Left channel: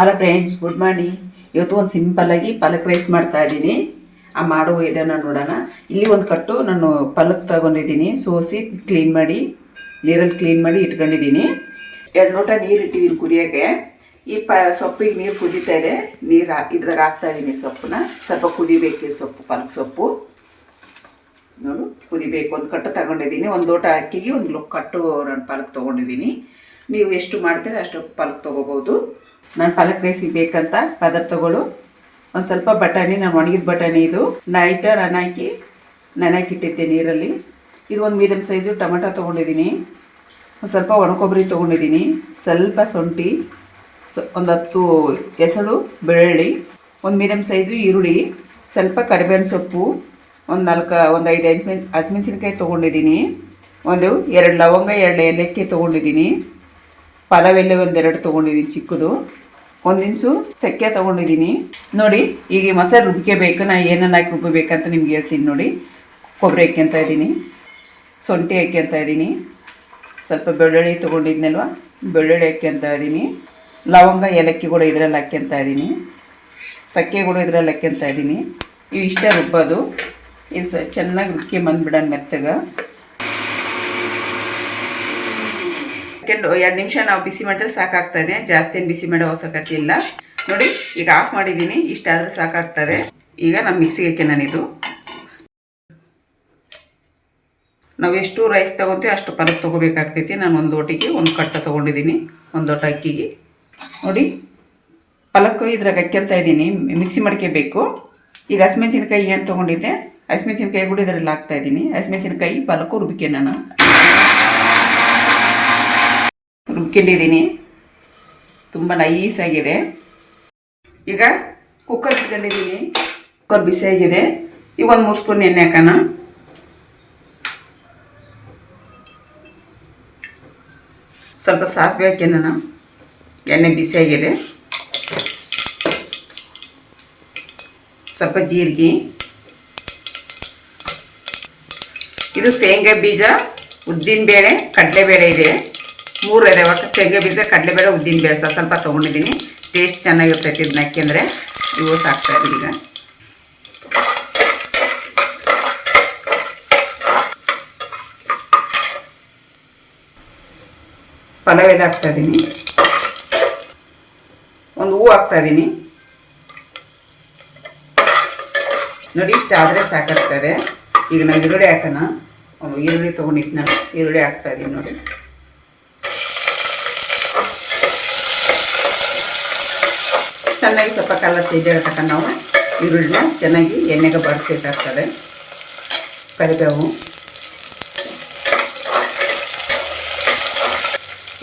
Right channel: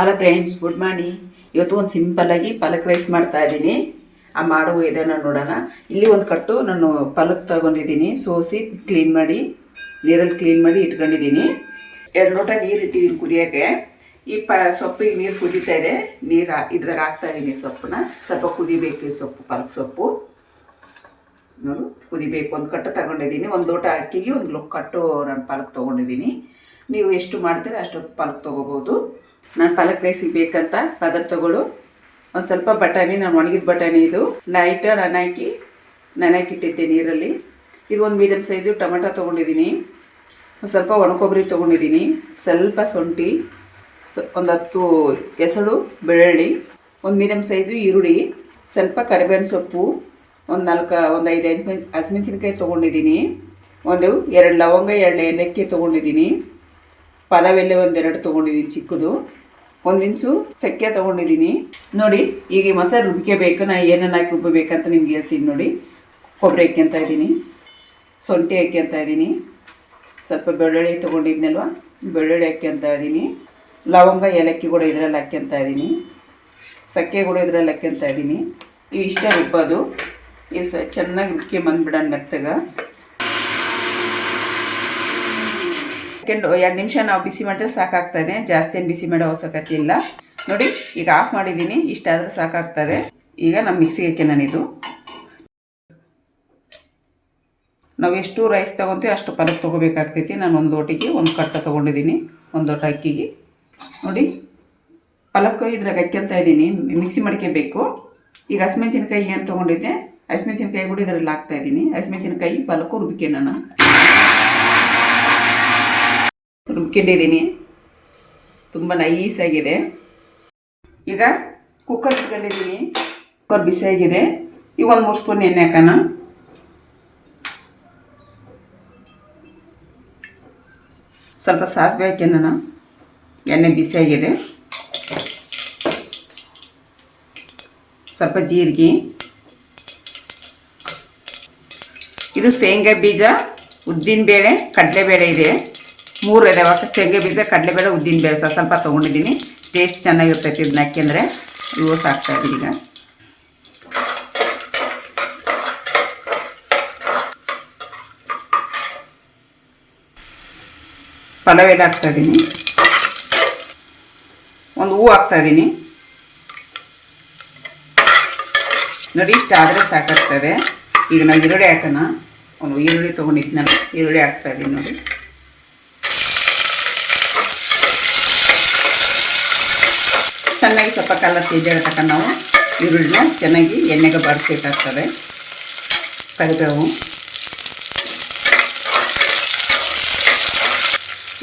Hello friends, good morning. ಇವತ್ತು ಒಂದು ಸಿಂಪಲ್ಲಾಗಿ ಪಾಲಕ್ ರೈಸ್ ಮಾಡ್ತಾ ಇದ್ದೀನಿ. ಆ ಮಾಡುವ ಇದನ್ನು ನೋಡೋಣ. ಇಲ್ಲಿ ಒಂದು ಕಟ್ಟು ನಾನು ಪಾಲಕ್ ತಗೊಂಡಿದ್ದೀನಿ, ಸೋಸಿ ನೀರಲ್ಲಿ ಕ್ಲೀನ್ ಮಾಡಿ ಇಟ್ಕೊಂಡಿದ್ದೀನಿ. 2 ಲೋಟ ನೀರು ಇಟ್ಟಿದ್ದೀನಿ ಕುದಿಯೋಕ್ಕೆ. ಈ ಸೊಪ್ಪಿಗೆ ನೀರು ಕುದೀತಾ ಇದೆ. ಇದ್ರಾಗ ಹಾಕ್ತಾಯಿದ್ದೀನಿ ಸೊಪ್ಪನ್ನ. ಸ್ವಲ್ಪ ಕುದಿಬೇಕು ಈ ಸೊಪ್ಪು, ಪಾಲಕ್ ಸೊಪ್ಪು ನೋಡು ಕುದಿಬೇಕು. ಒಂದು ಕಟ್ಟು ತಗೊಂಡಿದ್ದೀನಿ. 1 ಲೋಟ ಅಕ್ಕಿಗೆ 1 ಕಟ್ಟು ನಾನು ಪಾಲಕ್ ತೊಗೊಂಡಿದ್ದೀನಿ. ನೀವು ಎಷ್ಟು ಮಾಡ್ತೀರಾ ಅಷ್ಟು ಪಾಲಕ್ ತೊಗೋಬೋದು. ನಾನು ಪಾಲಕ್ ರೈಸಿಗೆ ಬೇಕಂತ ಪದಾರ್ಥಗಳು ಒಂದು ಸ್ವಲ್ಪ ಬಟಾಣಿ, ನಾನು ಒಣಗಿದ ಬಟಾಣಿ ಇದು ನೈಟ್ ನೆನೆಹಾಕಿಟ್ಟಿದ್ದೆ ನೀರಲ್ಲಿ. ಇದು ಒಂದು ಮೀಡಿಯಮ್ ಸೈಜು ಟೊಮೆಟೊ ತೊಗೊಂಡಿದ್ದೀನಿ. ಒಂದು ಸ್ವಲ್ಪ ಒಣಕೊಬ್ಬರಿ ತೊಗೊಂಡಿದ್ದೀನಿ. ಸ್ವಲ್ಪ ಶುಂಠಿ, ಒಂದು 10 ಹೆಸರು ಬೆಳ್ಳುಳ್ಳಿ, ಒಂದು ಮೀಡಿಯಮ್ ಸೈಜು ಈರುಳ್ಳಿ, ಸ್ವಲ್ಪ ಕರಿಬೇವಿನ ಸೊಪ್ಪು, ಒಂದು 5 ಹಸಿಮೆಣಸಿನ್ಕಾಯಿ ತೊಗೊಂಡಿದ್ದೀನಿ. 2 ಲವಂಗ, 2 ಏಲಕ್ಕಿ ತೊಗೊಂಡಿದ್ದೀನಿ. ಪಲಾವ್ ಎಲೆ 2 ತೊಗೊಂಡಿದ್ದೀನಿ ಚಿಕ್ಕದು. 1 ಇಂಚು ಸೆಕ್ಕೆ ತೊಗೊಂಡಿದ್ದೀನಿ. ನೋಡಿ, ಈಗ ಈ ಮಸಾಲೆ ರುಬ್ಕೋಬೇಕು. ನಾನು ಏನೇನು ಹಾಕಿ ರುಬ್ಬಬೇಕಂತ ನಿಮ್ಗೆ ಹೇಳ್ತೀನಿ ನೋಡಿ. ಕೊಬ್ಬರಿ ಹಾಕ್ಯಂತ ಇದ್ದೀನಿ, ಶುಂಠಿ ಹಾಕ್ಯಂತ ಇದ್ದೀನಿ, ಸ್ವಲ್ಪ ಬೆಳ್ಳುಳ್ಳಿ ತೊಗೊಂಡಿದ್ನಲ್ವ, ಬೆಳ್ಳುಳ್ಳಿ ಹಾಕ್ಯಂತ ಇದ್ದೀನಿ. ಲವಂಗ, ಏಲಕ್ಕಿ ಕೂಡ ಇದರಲ್ಲಿ ಹಾಕ್ಯಂತ ಇದ್ದೀನಿ. ಸಕ್ಕೆ ಕೂಡ ಇದರಲ್ಲಿ ಹಾಕ್ಯಂತ ಇದ್ದೀನಿ. ಇವು ಇಷ್ಟ ರುಬ್ಬೋದು. ಇದು ಚೆನ್ನಾಗಿ ರುಬ್ಕೊಂಬಂದ್ಬಿಡೋಣ ಮೆತ್ತಗೆ. 2 ನಿಮಿಷ ನಾವು ಬಿಸಿ ಮಾಡಿದ್ರೆ ಸಾಕಾಗ್ತದೆ. ಜಾಸ್ತಿ ಏನು ಬಿಸಿ ಮಾಡೋ ಅವಶ್ಯಕತೆ ಇಲ್ಲ. ನೋಡಿ, ಈಗ ಆಫ್ ಮಾಡಿದ್ದೀನಿ. ಇಷ್ಟಾದರೆ ಸಾಕಾಗ್ತದೆ. ಈಗ ನಮ್ಮ ಮಿಕ್ಸಿಗೆ ನಾನಿದು ನಾವು ಎಷ್ಟು ರೈಸ್ ತೊಗೊತೀವಿ ಅಷ್ಟು ಪಾಲಕ್ ತೊಗೋಬೇಕಾಗ್ತೈತಿ. ನಾನು 1 ಲೋಟಿಗೆ 1 ಕಟ್ಟು ತೊಗೊಂಡಿದ್ದೀನಿ. 1 ಲೋಟ ಅಕ್ಕಿಗೆ ನೋಡಿ ಪಾಲಕ್ ಇದ್ರಾಗ ಹಾಕ್ಯಂತ ಇದ್ದೀನಿ. ಮಿಕ್ಸಿ ಮಾಡ್ಕೋಬೇಕು. ಈಗ ಹಸಿಮೆಣಸಿನ್ಕಾಯಿ ಏನು ತೊಗೊಂಡಿದ್ದೆ, ಹಸಿಮೆಣಸಿನ್ಕಾಯಿ ಕೂಡ ಇದರಲ್ಲಿ ಹಾಕ್ತಾಯಿದ್ದೀನಿ. ಹಸಿಮೆಣಸಿನ್ಕಾಯಿ ಪಾಲಕ್ಕು ನಾನು ರುಬ್ಕೊಂಡಿದ್ದೀನಿ. ತುಂಬ ನೈಸಾಗಿದೆ. ಈಗ ಕುಕ್ಕರ್ ಇಟ್ಕೊಂಡಿದ್ದೀನಿ. ಕುಕ್ಕರ್ ಬಿಸಿಯಾಗಿದೆ. ಈಗ 1 3 ಸ್ಪೂನ್ ಎಣ್ಣೆ ಹಾಕೋಣ. ಸ್ವಲ್ಪ ಸಾಸಿವೆ ಹಾಕ್ಯನ. ಎಣ್ಣೆ ಬಿಸಿಯಾಗಿದೆ. ಸ್ವಲ್ಪ ಜೀರಿಗೆ, ಇದು ಶೇಂಗಾ ಬೀಜ, ಉದ್ದಿನಬೇಳೆ, ಕಡಲೆಬೇಳೆ ಇದೆ. 3 ಇದೆ ಒಟ್ಟು. ಶೇಂಗಾ ಬೀಜ, ಕಡಲೆಬೇಳೆ, ಉದ್ದಿನಬೇಳೆ ಸ್ವಲ್ಪ ತೊಗೊಂಡಿದ್ದೀನಿ. ಟೇಸ್ಟ್ ಚೆನ್ನಾಗಿರ್ತೈತಿ ಇದನ್ನ ಹಾಕಿದ್ರೆ. ಇವು ಸಾಕ್ತಾಯಿದ್ದೀನಿ. ಈಗ ಪಲಾವ್ ಎಲೆ ಹಾಕ್ತಾಯಿದ್ದೀನಿ. 1 ಹೂವು ಹಾಕ್ತಾಯಿದ್ದೀನಿ. ನೋಡಿ, ಇಷ್ಟ ಆದರೆ ಸಾಕಾಗ್ತದೆ. ಈಗ ನಾವು ಈರುಳ್ಳಿ ಹಾಕೋಣ. ಈರುಳ್ಳಿ ತೊಗೊಂಡಿದ್ನಲ್ಲ, ಈರುಳ್ಳಿ ಹಾಕ್ತಾಯಿದ್ದೀನಿ. ನೋಡಿ, ಚೆನ್ನಾಗಿ ಸ್ವಲ್ಪ ಕಲರ್ ಚೇಂಜ್ ಆಗತಕ್ಕ ನಾವು ಈರುಳ್ಳಿನ ಚೆನ್ನಾಗಿ ಎಣ್ಣೆಗೆ ಬಾಡಿಸ್ಬೇಕಾಗ್ತದೆ. ಕರಿಬೇವು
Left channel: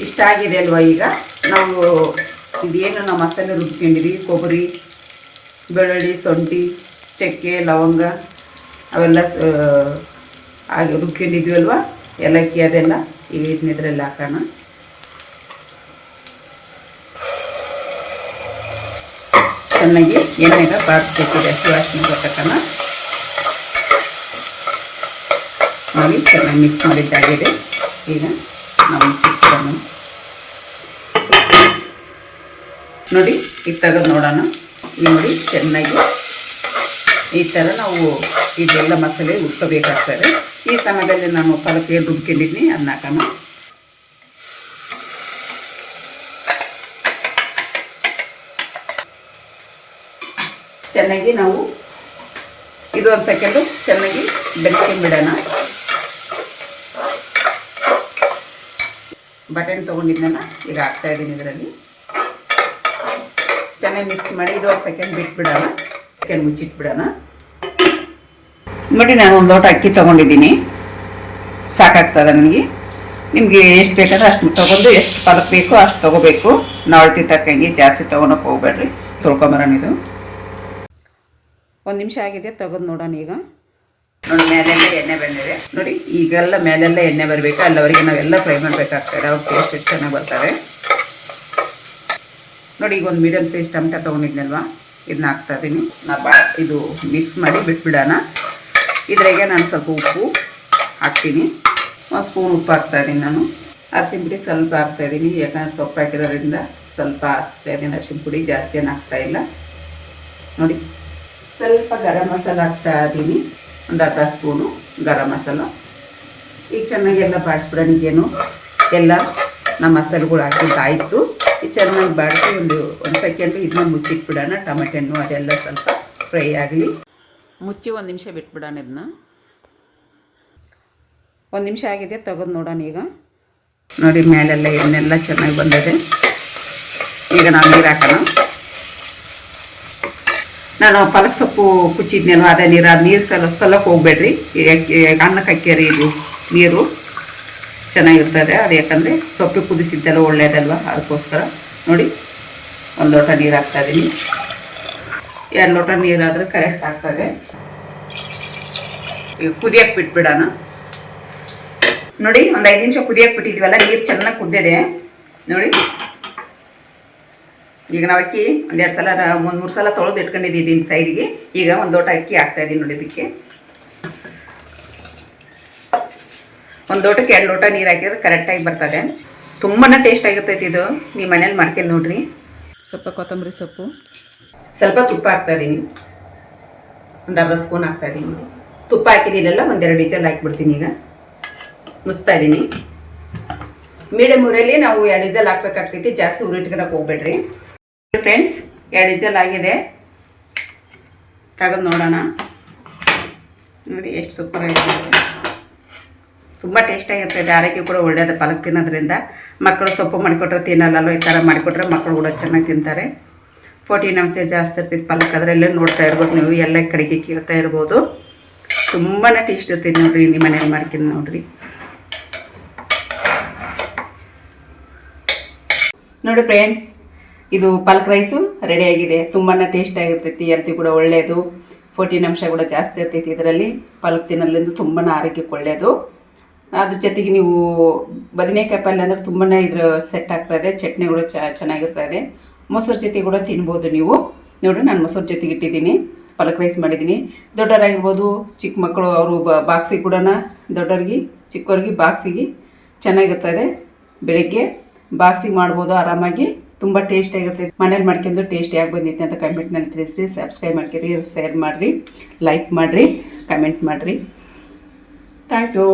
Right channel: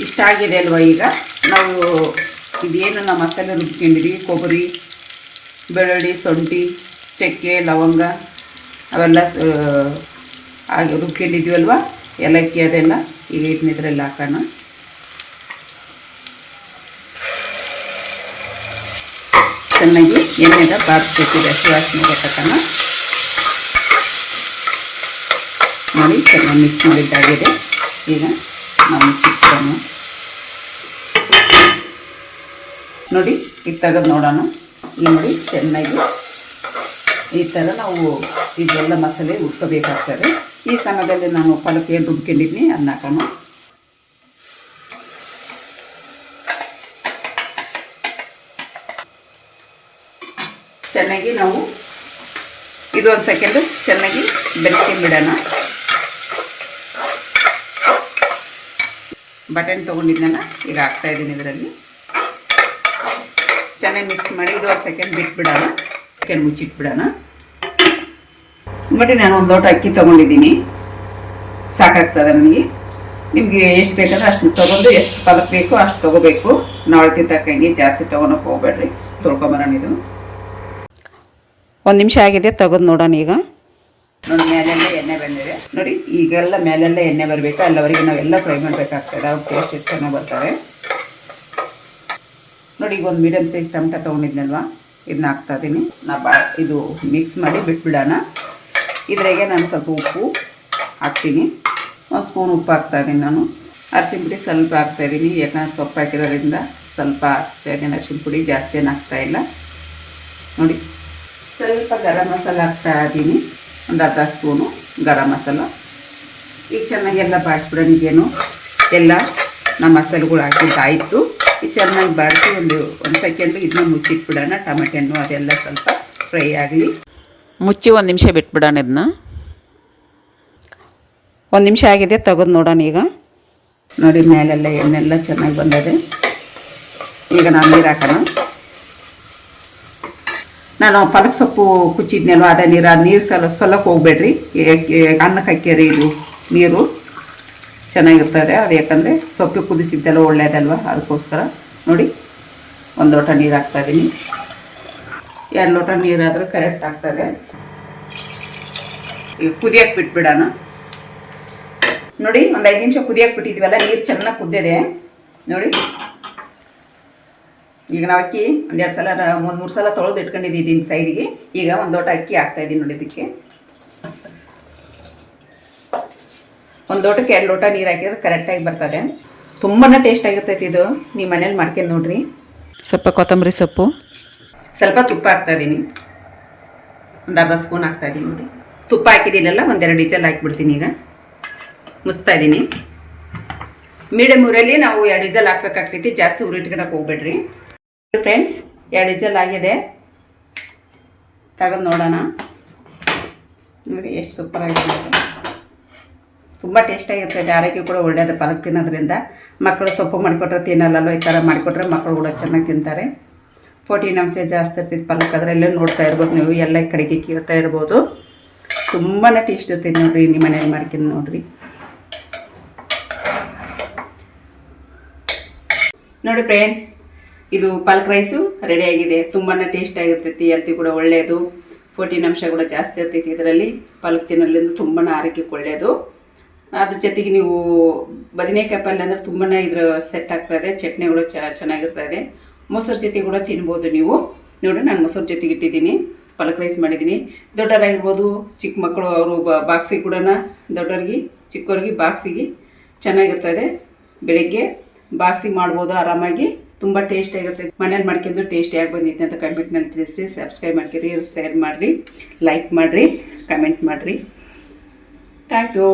ಇಷ್ಟ ಆಗಿದೆ ಅಲ್ವ. ಈಗ ನಾವು ಇದೇನು ನಾವು ಮಸಾಲೆ ರುಬ್ಕೊಂಡಿದ್ದೀವಿ, ಕೊಬ್ಬರಿ, ಬೆಳ್ಳುಳ್ಳಿ, ಶುಂಠಿ, ಚಕ್ಕೆ, ಲವಂಗ ಅವೆಲ್ಲ ಹಾಗೆ ರುಬ್ಕೊಂಡಿದ್ದೀವಲ್ವ, ಏಲಕ್ಕಿ ಅದೆಲ್ಲ ಈಗ ಇದನ್ನೆಲ್ಲ ಹಾಕೋಣ. ಚೆನ್ನಾಗಿ ಎಣ್ಣೆಗೆ ಬಾರಿಸ್ಬೇಕು. ವಾಸನೆ ಬರ್ತಕ್ಕನ ನೋಡಿ, ಚೆನ್ನಾಗಿ ಮಿಕ್ಸ್ ಮಾಡಿದ್ದಾಗಿದೆ. ಈಗ ನಾವು ಚಿಕ್ಕನ ನೋಡಿ, ಈಗ ತೆಗೆದು ನೋಡೋಣ. ಈಗ ನೋಡಿ, ಚೆನ್ನಾಗಿ ಈ ಥರ ನಾವು ಇದೆಲ್ಲ ಮಸಾಲೆ ಉಟ್ಕೋಬೇಕಾಗ್ತದೆ. ಈ ಸಮಯದಲ್ಲಿ ನಾನು ಪಾಲಕ್ ಏನು ರುಬ್ಕೊಂಡಿದ್ದೀನಿ ಅದನ್ನ ಹಾಕೋಣ. ಚೆನ್ನಾಗಿ ನಾವು ಇದು 1 ಸೆಕೆಂಡು ಚೆನ್ನಾಗಿ ಬೆರೆಸ್ಕೊಂಡ್ಬಿಡೋಣ. ಬಟಾಣಿ ತೊಗೊಂಡಿದ್ದೆನ ಈಗ ಹಾಕ್ತಾಯಿದ್ದೀನಿ. ಇದರಲ್ಲಿ ಚೆನ್ನಾಗಿ ಮಿಕ್ಸ್ ಮಾಡಿ ಇದು 1 ಸೆಕೆಂಡ್ ಬಿಟ್ಬಿಡೋಣ. ಮುಚ್ಚಿಟ್ಬಿಡೋಣ. ನೋಡಿ, ನಾನು 1 ಲೋಟ ಅಕ್ಕಿ ತೊಗೊಂಡಿದ್ದೀನಿ. ಸಾಕಾಗ್ತದೆ ನನಗೆ. ನಿಮಗೆ ಎಷ್ಟು ಬೇಕಾದ್ರೆ ಅಷ್ಟು ತೊಗೊಂಡು, ಎಷ್ಟು ಪಾಲಕ್ ಬೇಕೋ ಅಷ್ಟು ತೊಗೋಬೇಕು. ನಾಳೆ ತಕ್ಕಂಗೆ ಜಾಸ್ತಿ ತೊಗೊಳಕ್ಕೆ ಹೋಗ್ಬೇಡ್ರಿ. ತೊಳ್ಕೊಂಬರೋಣ. ಇದು 1 ನಿಮಿಷ ಆಗಿದೆ, ತೆಗೆದು ನೋಡೋಣ. ಈಗ ನೋಡಿ, ಮೇಲೆಲ್ಲ ಎಣ್ಣೆ ಬಂದಿದೆ. ನೋಡಿ, ಈಗೆಲ್ಲ ಮೇಲೆಲ್ಲ ಎಣ್ಣೆ ಬರಬೇಕು. ಅಲ್ಲವರೆಗೆ ನಾವೆಲ್ಲ ಫ್ರೈ ಮಾಡಬೇಕಾಗ್ತದೆ. ಅವ್ರ ಟೇಸ್ಟ್ ಎಷ್ಟು ಚೆನ್ನಾಗಿ ಬರ್ತವೆ ನೋಡಿ. ಈಗ 1 ಮೀಡಿಯಮ್ ಸೈಜ್ ಟೊಮೆಟೊ ತೊಗೊಂಡಿದ್ನಲ್ವ, ಇದನ್ನ ಹಾಕ್ತಾಯಿದ್ದೀನಿ. ಇದು ಮಿಕ್ಸ್ ಮಾಡಿ ಬಿಟ್ಬಿಡೋಣ. ಇದ್ರಾಗೆ ನಾನು ಸ್ವಲ್ಪ ಉಪ್ಪು ಹಾಕ್ತೀನಿ. 1 ಸ್ಪೂನ್ ಉಪ್ಪು ಹಾಕ್ತಾಯಿದ್ದೀನಿ. ನಾನು ಅರಿಶಿನ ಪುಡಿ ಸ್ವಲ್ಪ ಹಾಕ್ತಾಯಿದ್ದೀನಿ. ಯಾಕಂದರೆ ಸೊಪ್ಪು ಹಾಕಿರೋದ್ರಿಂದ ಸ್ವಲ್ಪ ಹಾಕ್ತಾಯಿದ್ದೀನಿ ಅರಿಶಿನ ಪುಡಿ, ಜಾಸ್ತಿ ಏನು ಹಾಕ್ತಾಯಿಲ್ಲ ನೋಡಿ. ಸ್ವಲ್ಪ ಗರಂ ಮಸಾಲ ಹಾಕ್ತಾ ಇದ್ದೀನಿ, ಒಂದು ಅರ್ಧ ಸ್ಪೂನು ಗರಂ ಮಸಾಲ. ಈಗ ಚೆನ್ನಾಗೆಲ್ಲ ಬಾಡಿಸ್ಬಿಡೋಣ. ಈಗೇನು ಎಲ್ಲ ನಮ್ಮ ಮಸಾಲೆಗಳು ಹಾಕಿದ್ದಾಯಿತು. ಈಗ ಚೆನ್ನಾಗಿ ಬಾಡಿಸಿ ಒಂದು ಸೆಕೆಂಡ್ ಇದನ್ನ ಮುಚ್ಚಿಟ್ಬಿಡೋಣ. ಟೊಮೆಟೊ ಹಣ್ಣು ಅದೆಲ್ಲ ಸ್ವಲ್ಪ ಫ್ರೈ ಆಗಲಿ. ಮುಚ್ಚಿ 1 ನಿಮಿಷ ಬಿಟ್ಬಿಡೋಣ. ಇದನ್ನ 1 ನಿಮಿಷ ಆಗಿದೆ, ತೆಗೆದು ನೋಡೋಣ. ಈಗ ನೋಡಿ ಮೇಲೆಲ್ಲ ಎಣ್ಣೆಲ್ಲ ಚೆನ್ನಾಗಿ ಬಂದಿದೆ. ಈಗ ನಾವು ನೀರು ಹಾಕೋಣ. ನಾನು ಪಾಲಕ್ ಸೊಪ್ಪು ಕುಚ್ಚಿದ್ನೇನು ಅದೇ ನೀರು, ಆ ನೀರು ಸಲಕ್ಕೆ ಹೋಗ್ಬೇಡ್ರಿ. ಈಗ ಅನ್ನಕ್ಕೆ ಹಾಕ್ಯಾರಿ ಇದು ನೀರು ಚೆನ್ನಾಗಿರ್ತದೆ. ಅದು ಯಾಕಂದರೆ ಸೊಪ್ಪು ಕುದಿಸಿದ್ದೆಲ್ಲ ಒಳ್ಳೆಯದಲ್ವ, ಅದಕ್ಕೋಸ್ಕರ ನೋಡಿ 1 ಲೋಟ ನೀರು ಹಾಕ್ತಾಯಿದ್ದೀನಿ. 2 ಲೋಟ ನೀರಾದರೆ ಕರೆಕ್ಟ್ ಆಗ್ತದೆ. ಈಗ ಕುದಿಯಕ್ಕೆ ಬಿಟ್ಬಿಡೋಣ. ನೋಡಿ ಒಂದು 5 ನಿಮಿಷ ಕುದಿಯಕ್ಕೆ ಬಿಟ್ಟಿದ್ವಲ್ಲ, ನೀರು ಚೆನ್ನಾಗಿ ಕುದ್ದಿದೆ ನೋಡಿ. ಈಗ ನಾವು ಅಕ್ಕಿ 1-2 ಸಲ 3 ಸಲ ತೊಳೆದು ಇಟ್ಕೊಂಡಿದ್ದೀನಿ ಸೈಡ್ಗೆ. ಈಗ 1 ಲೋಟ ಅಕ್ಕಿ ಹಾಕ್ತಾಯಿದ್ದೀನಿ ನೋಡಿ. ಇದಕ್ಕೆ 1 ಲೋಟಕ್ಕೆ 2 ಲೋಟ ನೀರು ಹಾಕಿದ್ರೆ ಕರೆಕ್ಟಾಗಿ ಬರ್ತದೆ. ತುಂಬಾ ಟೇಸ್ಟ್ ಆಗಿರ್ತೈತಿ ಇದು. ನೀವು ಮನೇಲಿ ಮಾಡ್ಕೊಂಡು ನೋಡ್ರಿ. ಸ್ವಲ್ಪ ಕೊತ್ತಂಬರಿ ಸೊಪ್ಪು, ಸ್ವಲ್ಪ ತುಪ್ಪ ಹಾಕ್ತಾಯಿದ್ದೀನಿ, ಒಂದು ಅರ್ಧ ಸ್ಪೂನ್ ಹಾಕ್ತಾಯಿದ್ದೀನಿ ನೋಡಿ. ತುಪ್ಪ ಹಾಕಿದ್ದೀನಲ್ಲ, 1-2 ವಿಜಲ್ ಹಾಕಿಬಿಡ್ತೀನಿ. ಈಗ ಮುಚ್ತಾ ಇದ್ದೀನಿ. ಮೀಡಿಯಮ್ ಊರಲ್ಲಿ ನಾವು 2 ವಿಜಲ್ ಹಾಕ್ಬೇಕಾಗ್ತೈತಿ, ಜಾಸ್ತಿ ಉರಿಟ್ಕೊಳಕ್ಕೆ ಹೋಗ್ಬೇಡ್ರಿ ಫ್ರೆಂಡ್ಸ್. 2 ವಿಜಲ್ ಆಗಿದೆ, ತೆಗೆದು ನೋಡೋಣ. ನೋಡಿ ಎಷ್ಟು ಸೂಪರ್ ಆಗಿದೆ. ತುಂಬ ಟೇಸ್ಟಾಗಿರ್ತದೆ, ಆರೋಗ್ಯ ಕೂಡ ಒಳ್ಳೆಯದು ಪಾಲಕ್ ತಿನ್ನೋದ್ರಿಂದ. ಮಕ್ಕಳು ಸೊಪ್ಪು ಮಾಡಿಕೊಟ್ರೆ ತಿನ್ನಲ್ಲೋ, ಈ ಥರ ಮಾಡಿಕೊಟ್ರೆ ಮಕ್ಕಳು ಕೂಡ ಚೆನ್ನಾಗಿ ತಿಂತಾರೆ. ಪ್ರೋಟೀನ್ ಅಂಶ ಜಾಸ್ತಿ ಇರ್ತೈತೆ ಪಾಲಕ್. ಅದರಲ್ಲೇ ನೋಡ್ತಾ ಇರ್ಬೋದು ನೀವು, ಎಲ್ಲ ಕಡೆಗೆ ಕೇಳ್ತಾ ಇರ್ಬೋದು. ತುಂಬಾ ಟೇಸ್ಟ್ ಇರ್ತೈತೆ ನೋಡಿರಿ. ನಿಮ್ಮ ಮನೇಲಿ ಮಾಡ್ಕೊಂಡು ನೋಡಿರಿ. ನೋಡಿ ಫ್ರೆಂಡ್ಸ್, ಇದು ಪಾಲಕ್ ರೈಸು ರೆಡಿಯಾಗಿದೆ. ತುಂಬಾ ಟೇಸ್ಟ್ ಆಗಿರ್ತೈತಿ, ಹೆಲ್ತಿ ಕೂಡ ಒಳ್ಳೆಯದು. ಪ್ರೋಟೀನ್ ಅಂಶ ಕೂಡ ಜಾಸ್ತಿ ಇರ್ತೈತಿ ಇದರಲ್ಲಿ. ಪಾಲಕ್ ತಿನ್ನೋದ್ರಿಂದ ತುಂಬಾ ಆರೋಗ್ಯಕ್ಕೆ ಒಳ್ಳೆಯದು. ಅದ್ರ ಜೊತೆಗೆ ನೀವು ಬದನೆಕಾಯಿ ಪಲ್ಯ ಅಂದರೆ ತುಂಬಾ ಇದ್ರ ಸೆಟ್ ಆಗ್ತಾಯಿದೆ. ಚಟ್ನಿ ಕೂಡ ಚೆನ್ನಾಗಿರ್ತದೆ. ಮೊಸರು ಜೊತೆ ಕೂಡ ತಿನ್ಬೋದು ನೀವು. ನೋಡಿ ನಾನು ಮೊಸರು ಜೊತೆಗೆ ಇಟ್ಟಿದ್ದೀನಿ, ಪಾಲಕ್ ರೈಸ್ ಮಾಡಿದ್ದೀನಿ. ದೊಡ್ಡವರಾಗಿರ್ಬೋದು, ಚಿಕ್ಕ ಮಕ್ಕಳು ಅವರು ಬಾಕ್ಸಿಗೆ ಕೂಡ, ದೊಡ್ಡವ್ರಿಗೆ ಚಿಕ್ಕವ್ರಿಗೆ ಬಾಕ್ಸಿಗೆ ಚೆನ್ನಾಗಿರ್ತದೆ. ಬೆಳಗ್ಗೆ ಬಾಕ್ಸಿಗೆ ಮಾಡ್ಬೋದು ಆರಾಮಾಗಿ. ತುಂಬ ಟೇಸ್ಟಿಯಾಗಿರ್ತೈತೆ. ಮನೇಲಿ ಮಾಡ್ಕೊಂಡು ಟೇಸ್ಟಿಯಾಗಿ ಬಂದೈತೆ ಅಂತ ಕಮೆಂಟ್ನಲ್ಲಿ ತಿಳಿಸ್ರಿ. ಸಬ್ಸ್ಕ್ರೈಬ್ ಮಾಡ್ಕೊರಿ, ಶೇರ್ ಮಾಡಿರಿ, ಲೈಕ್ ಮಾಡಿರಿ, ಕಮೆಂಟ್ ಮಾಡಿರಿ. Thank you.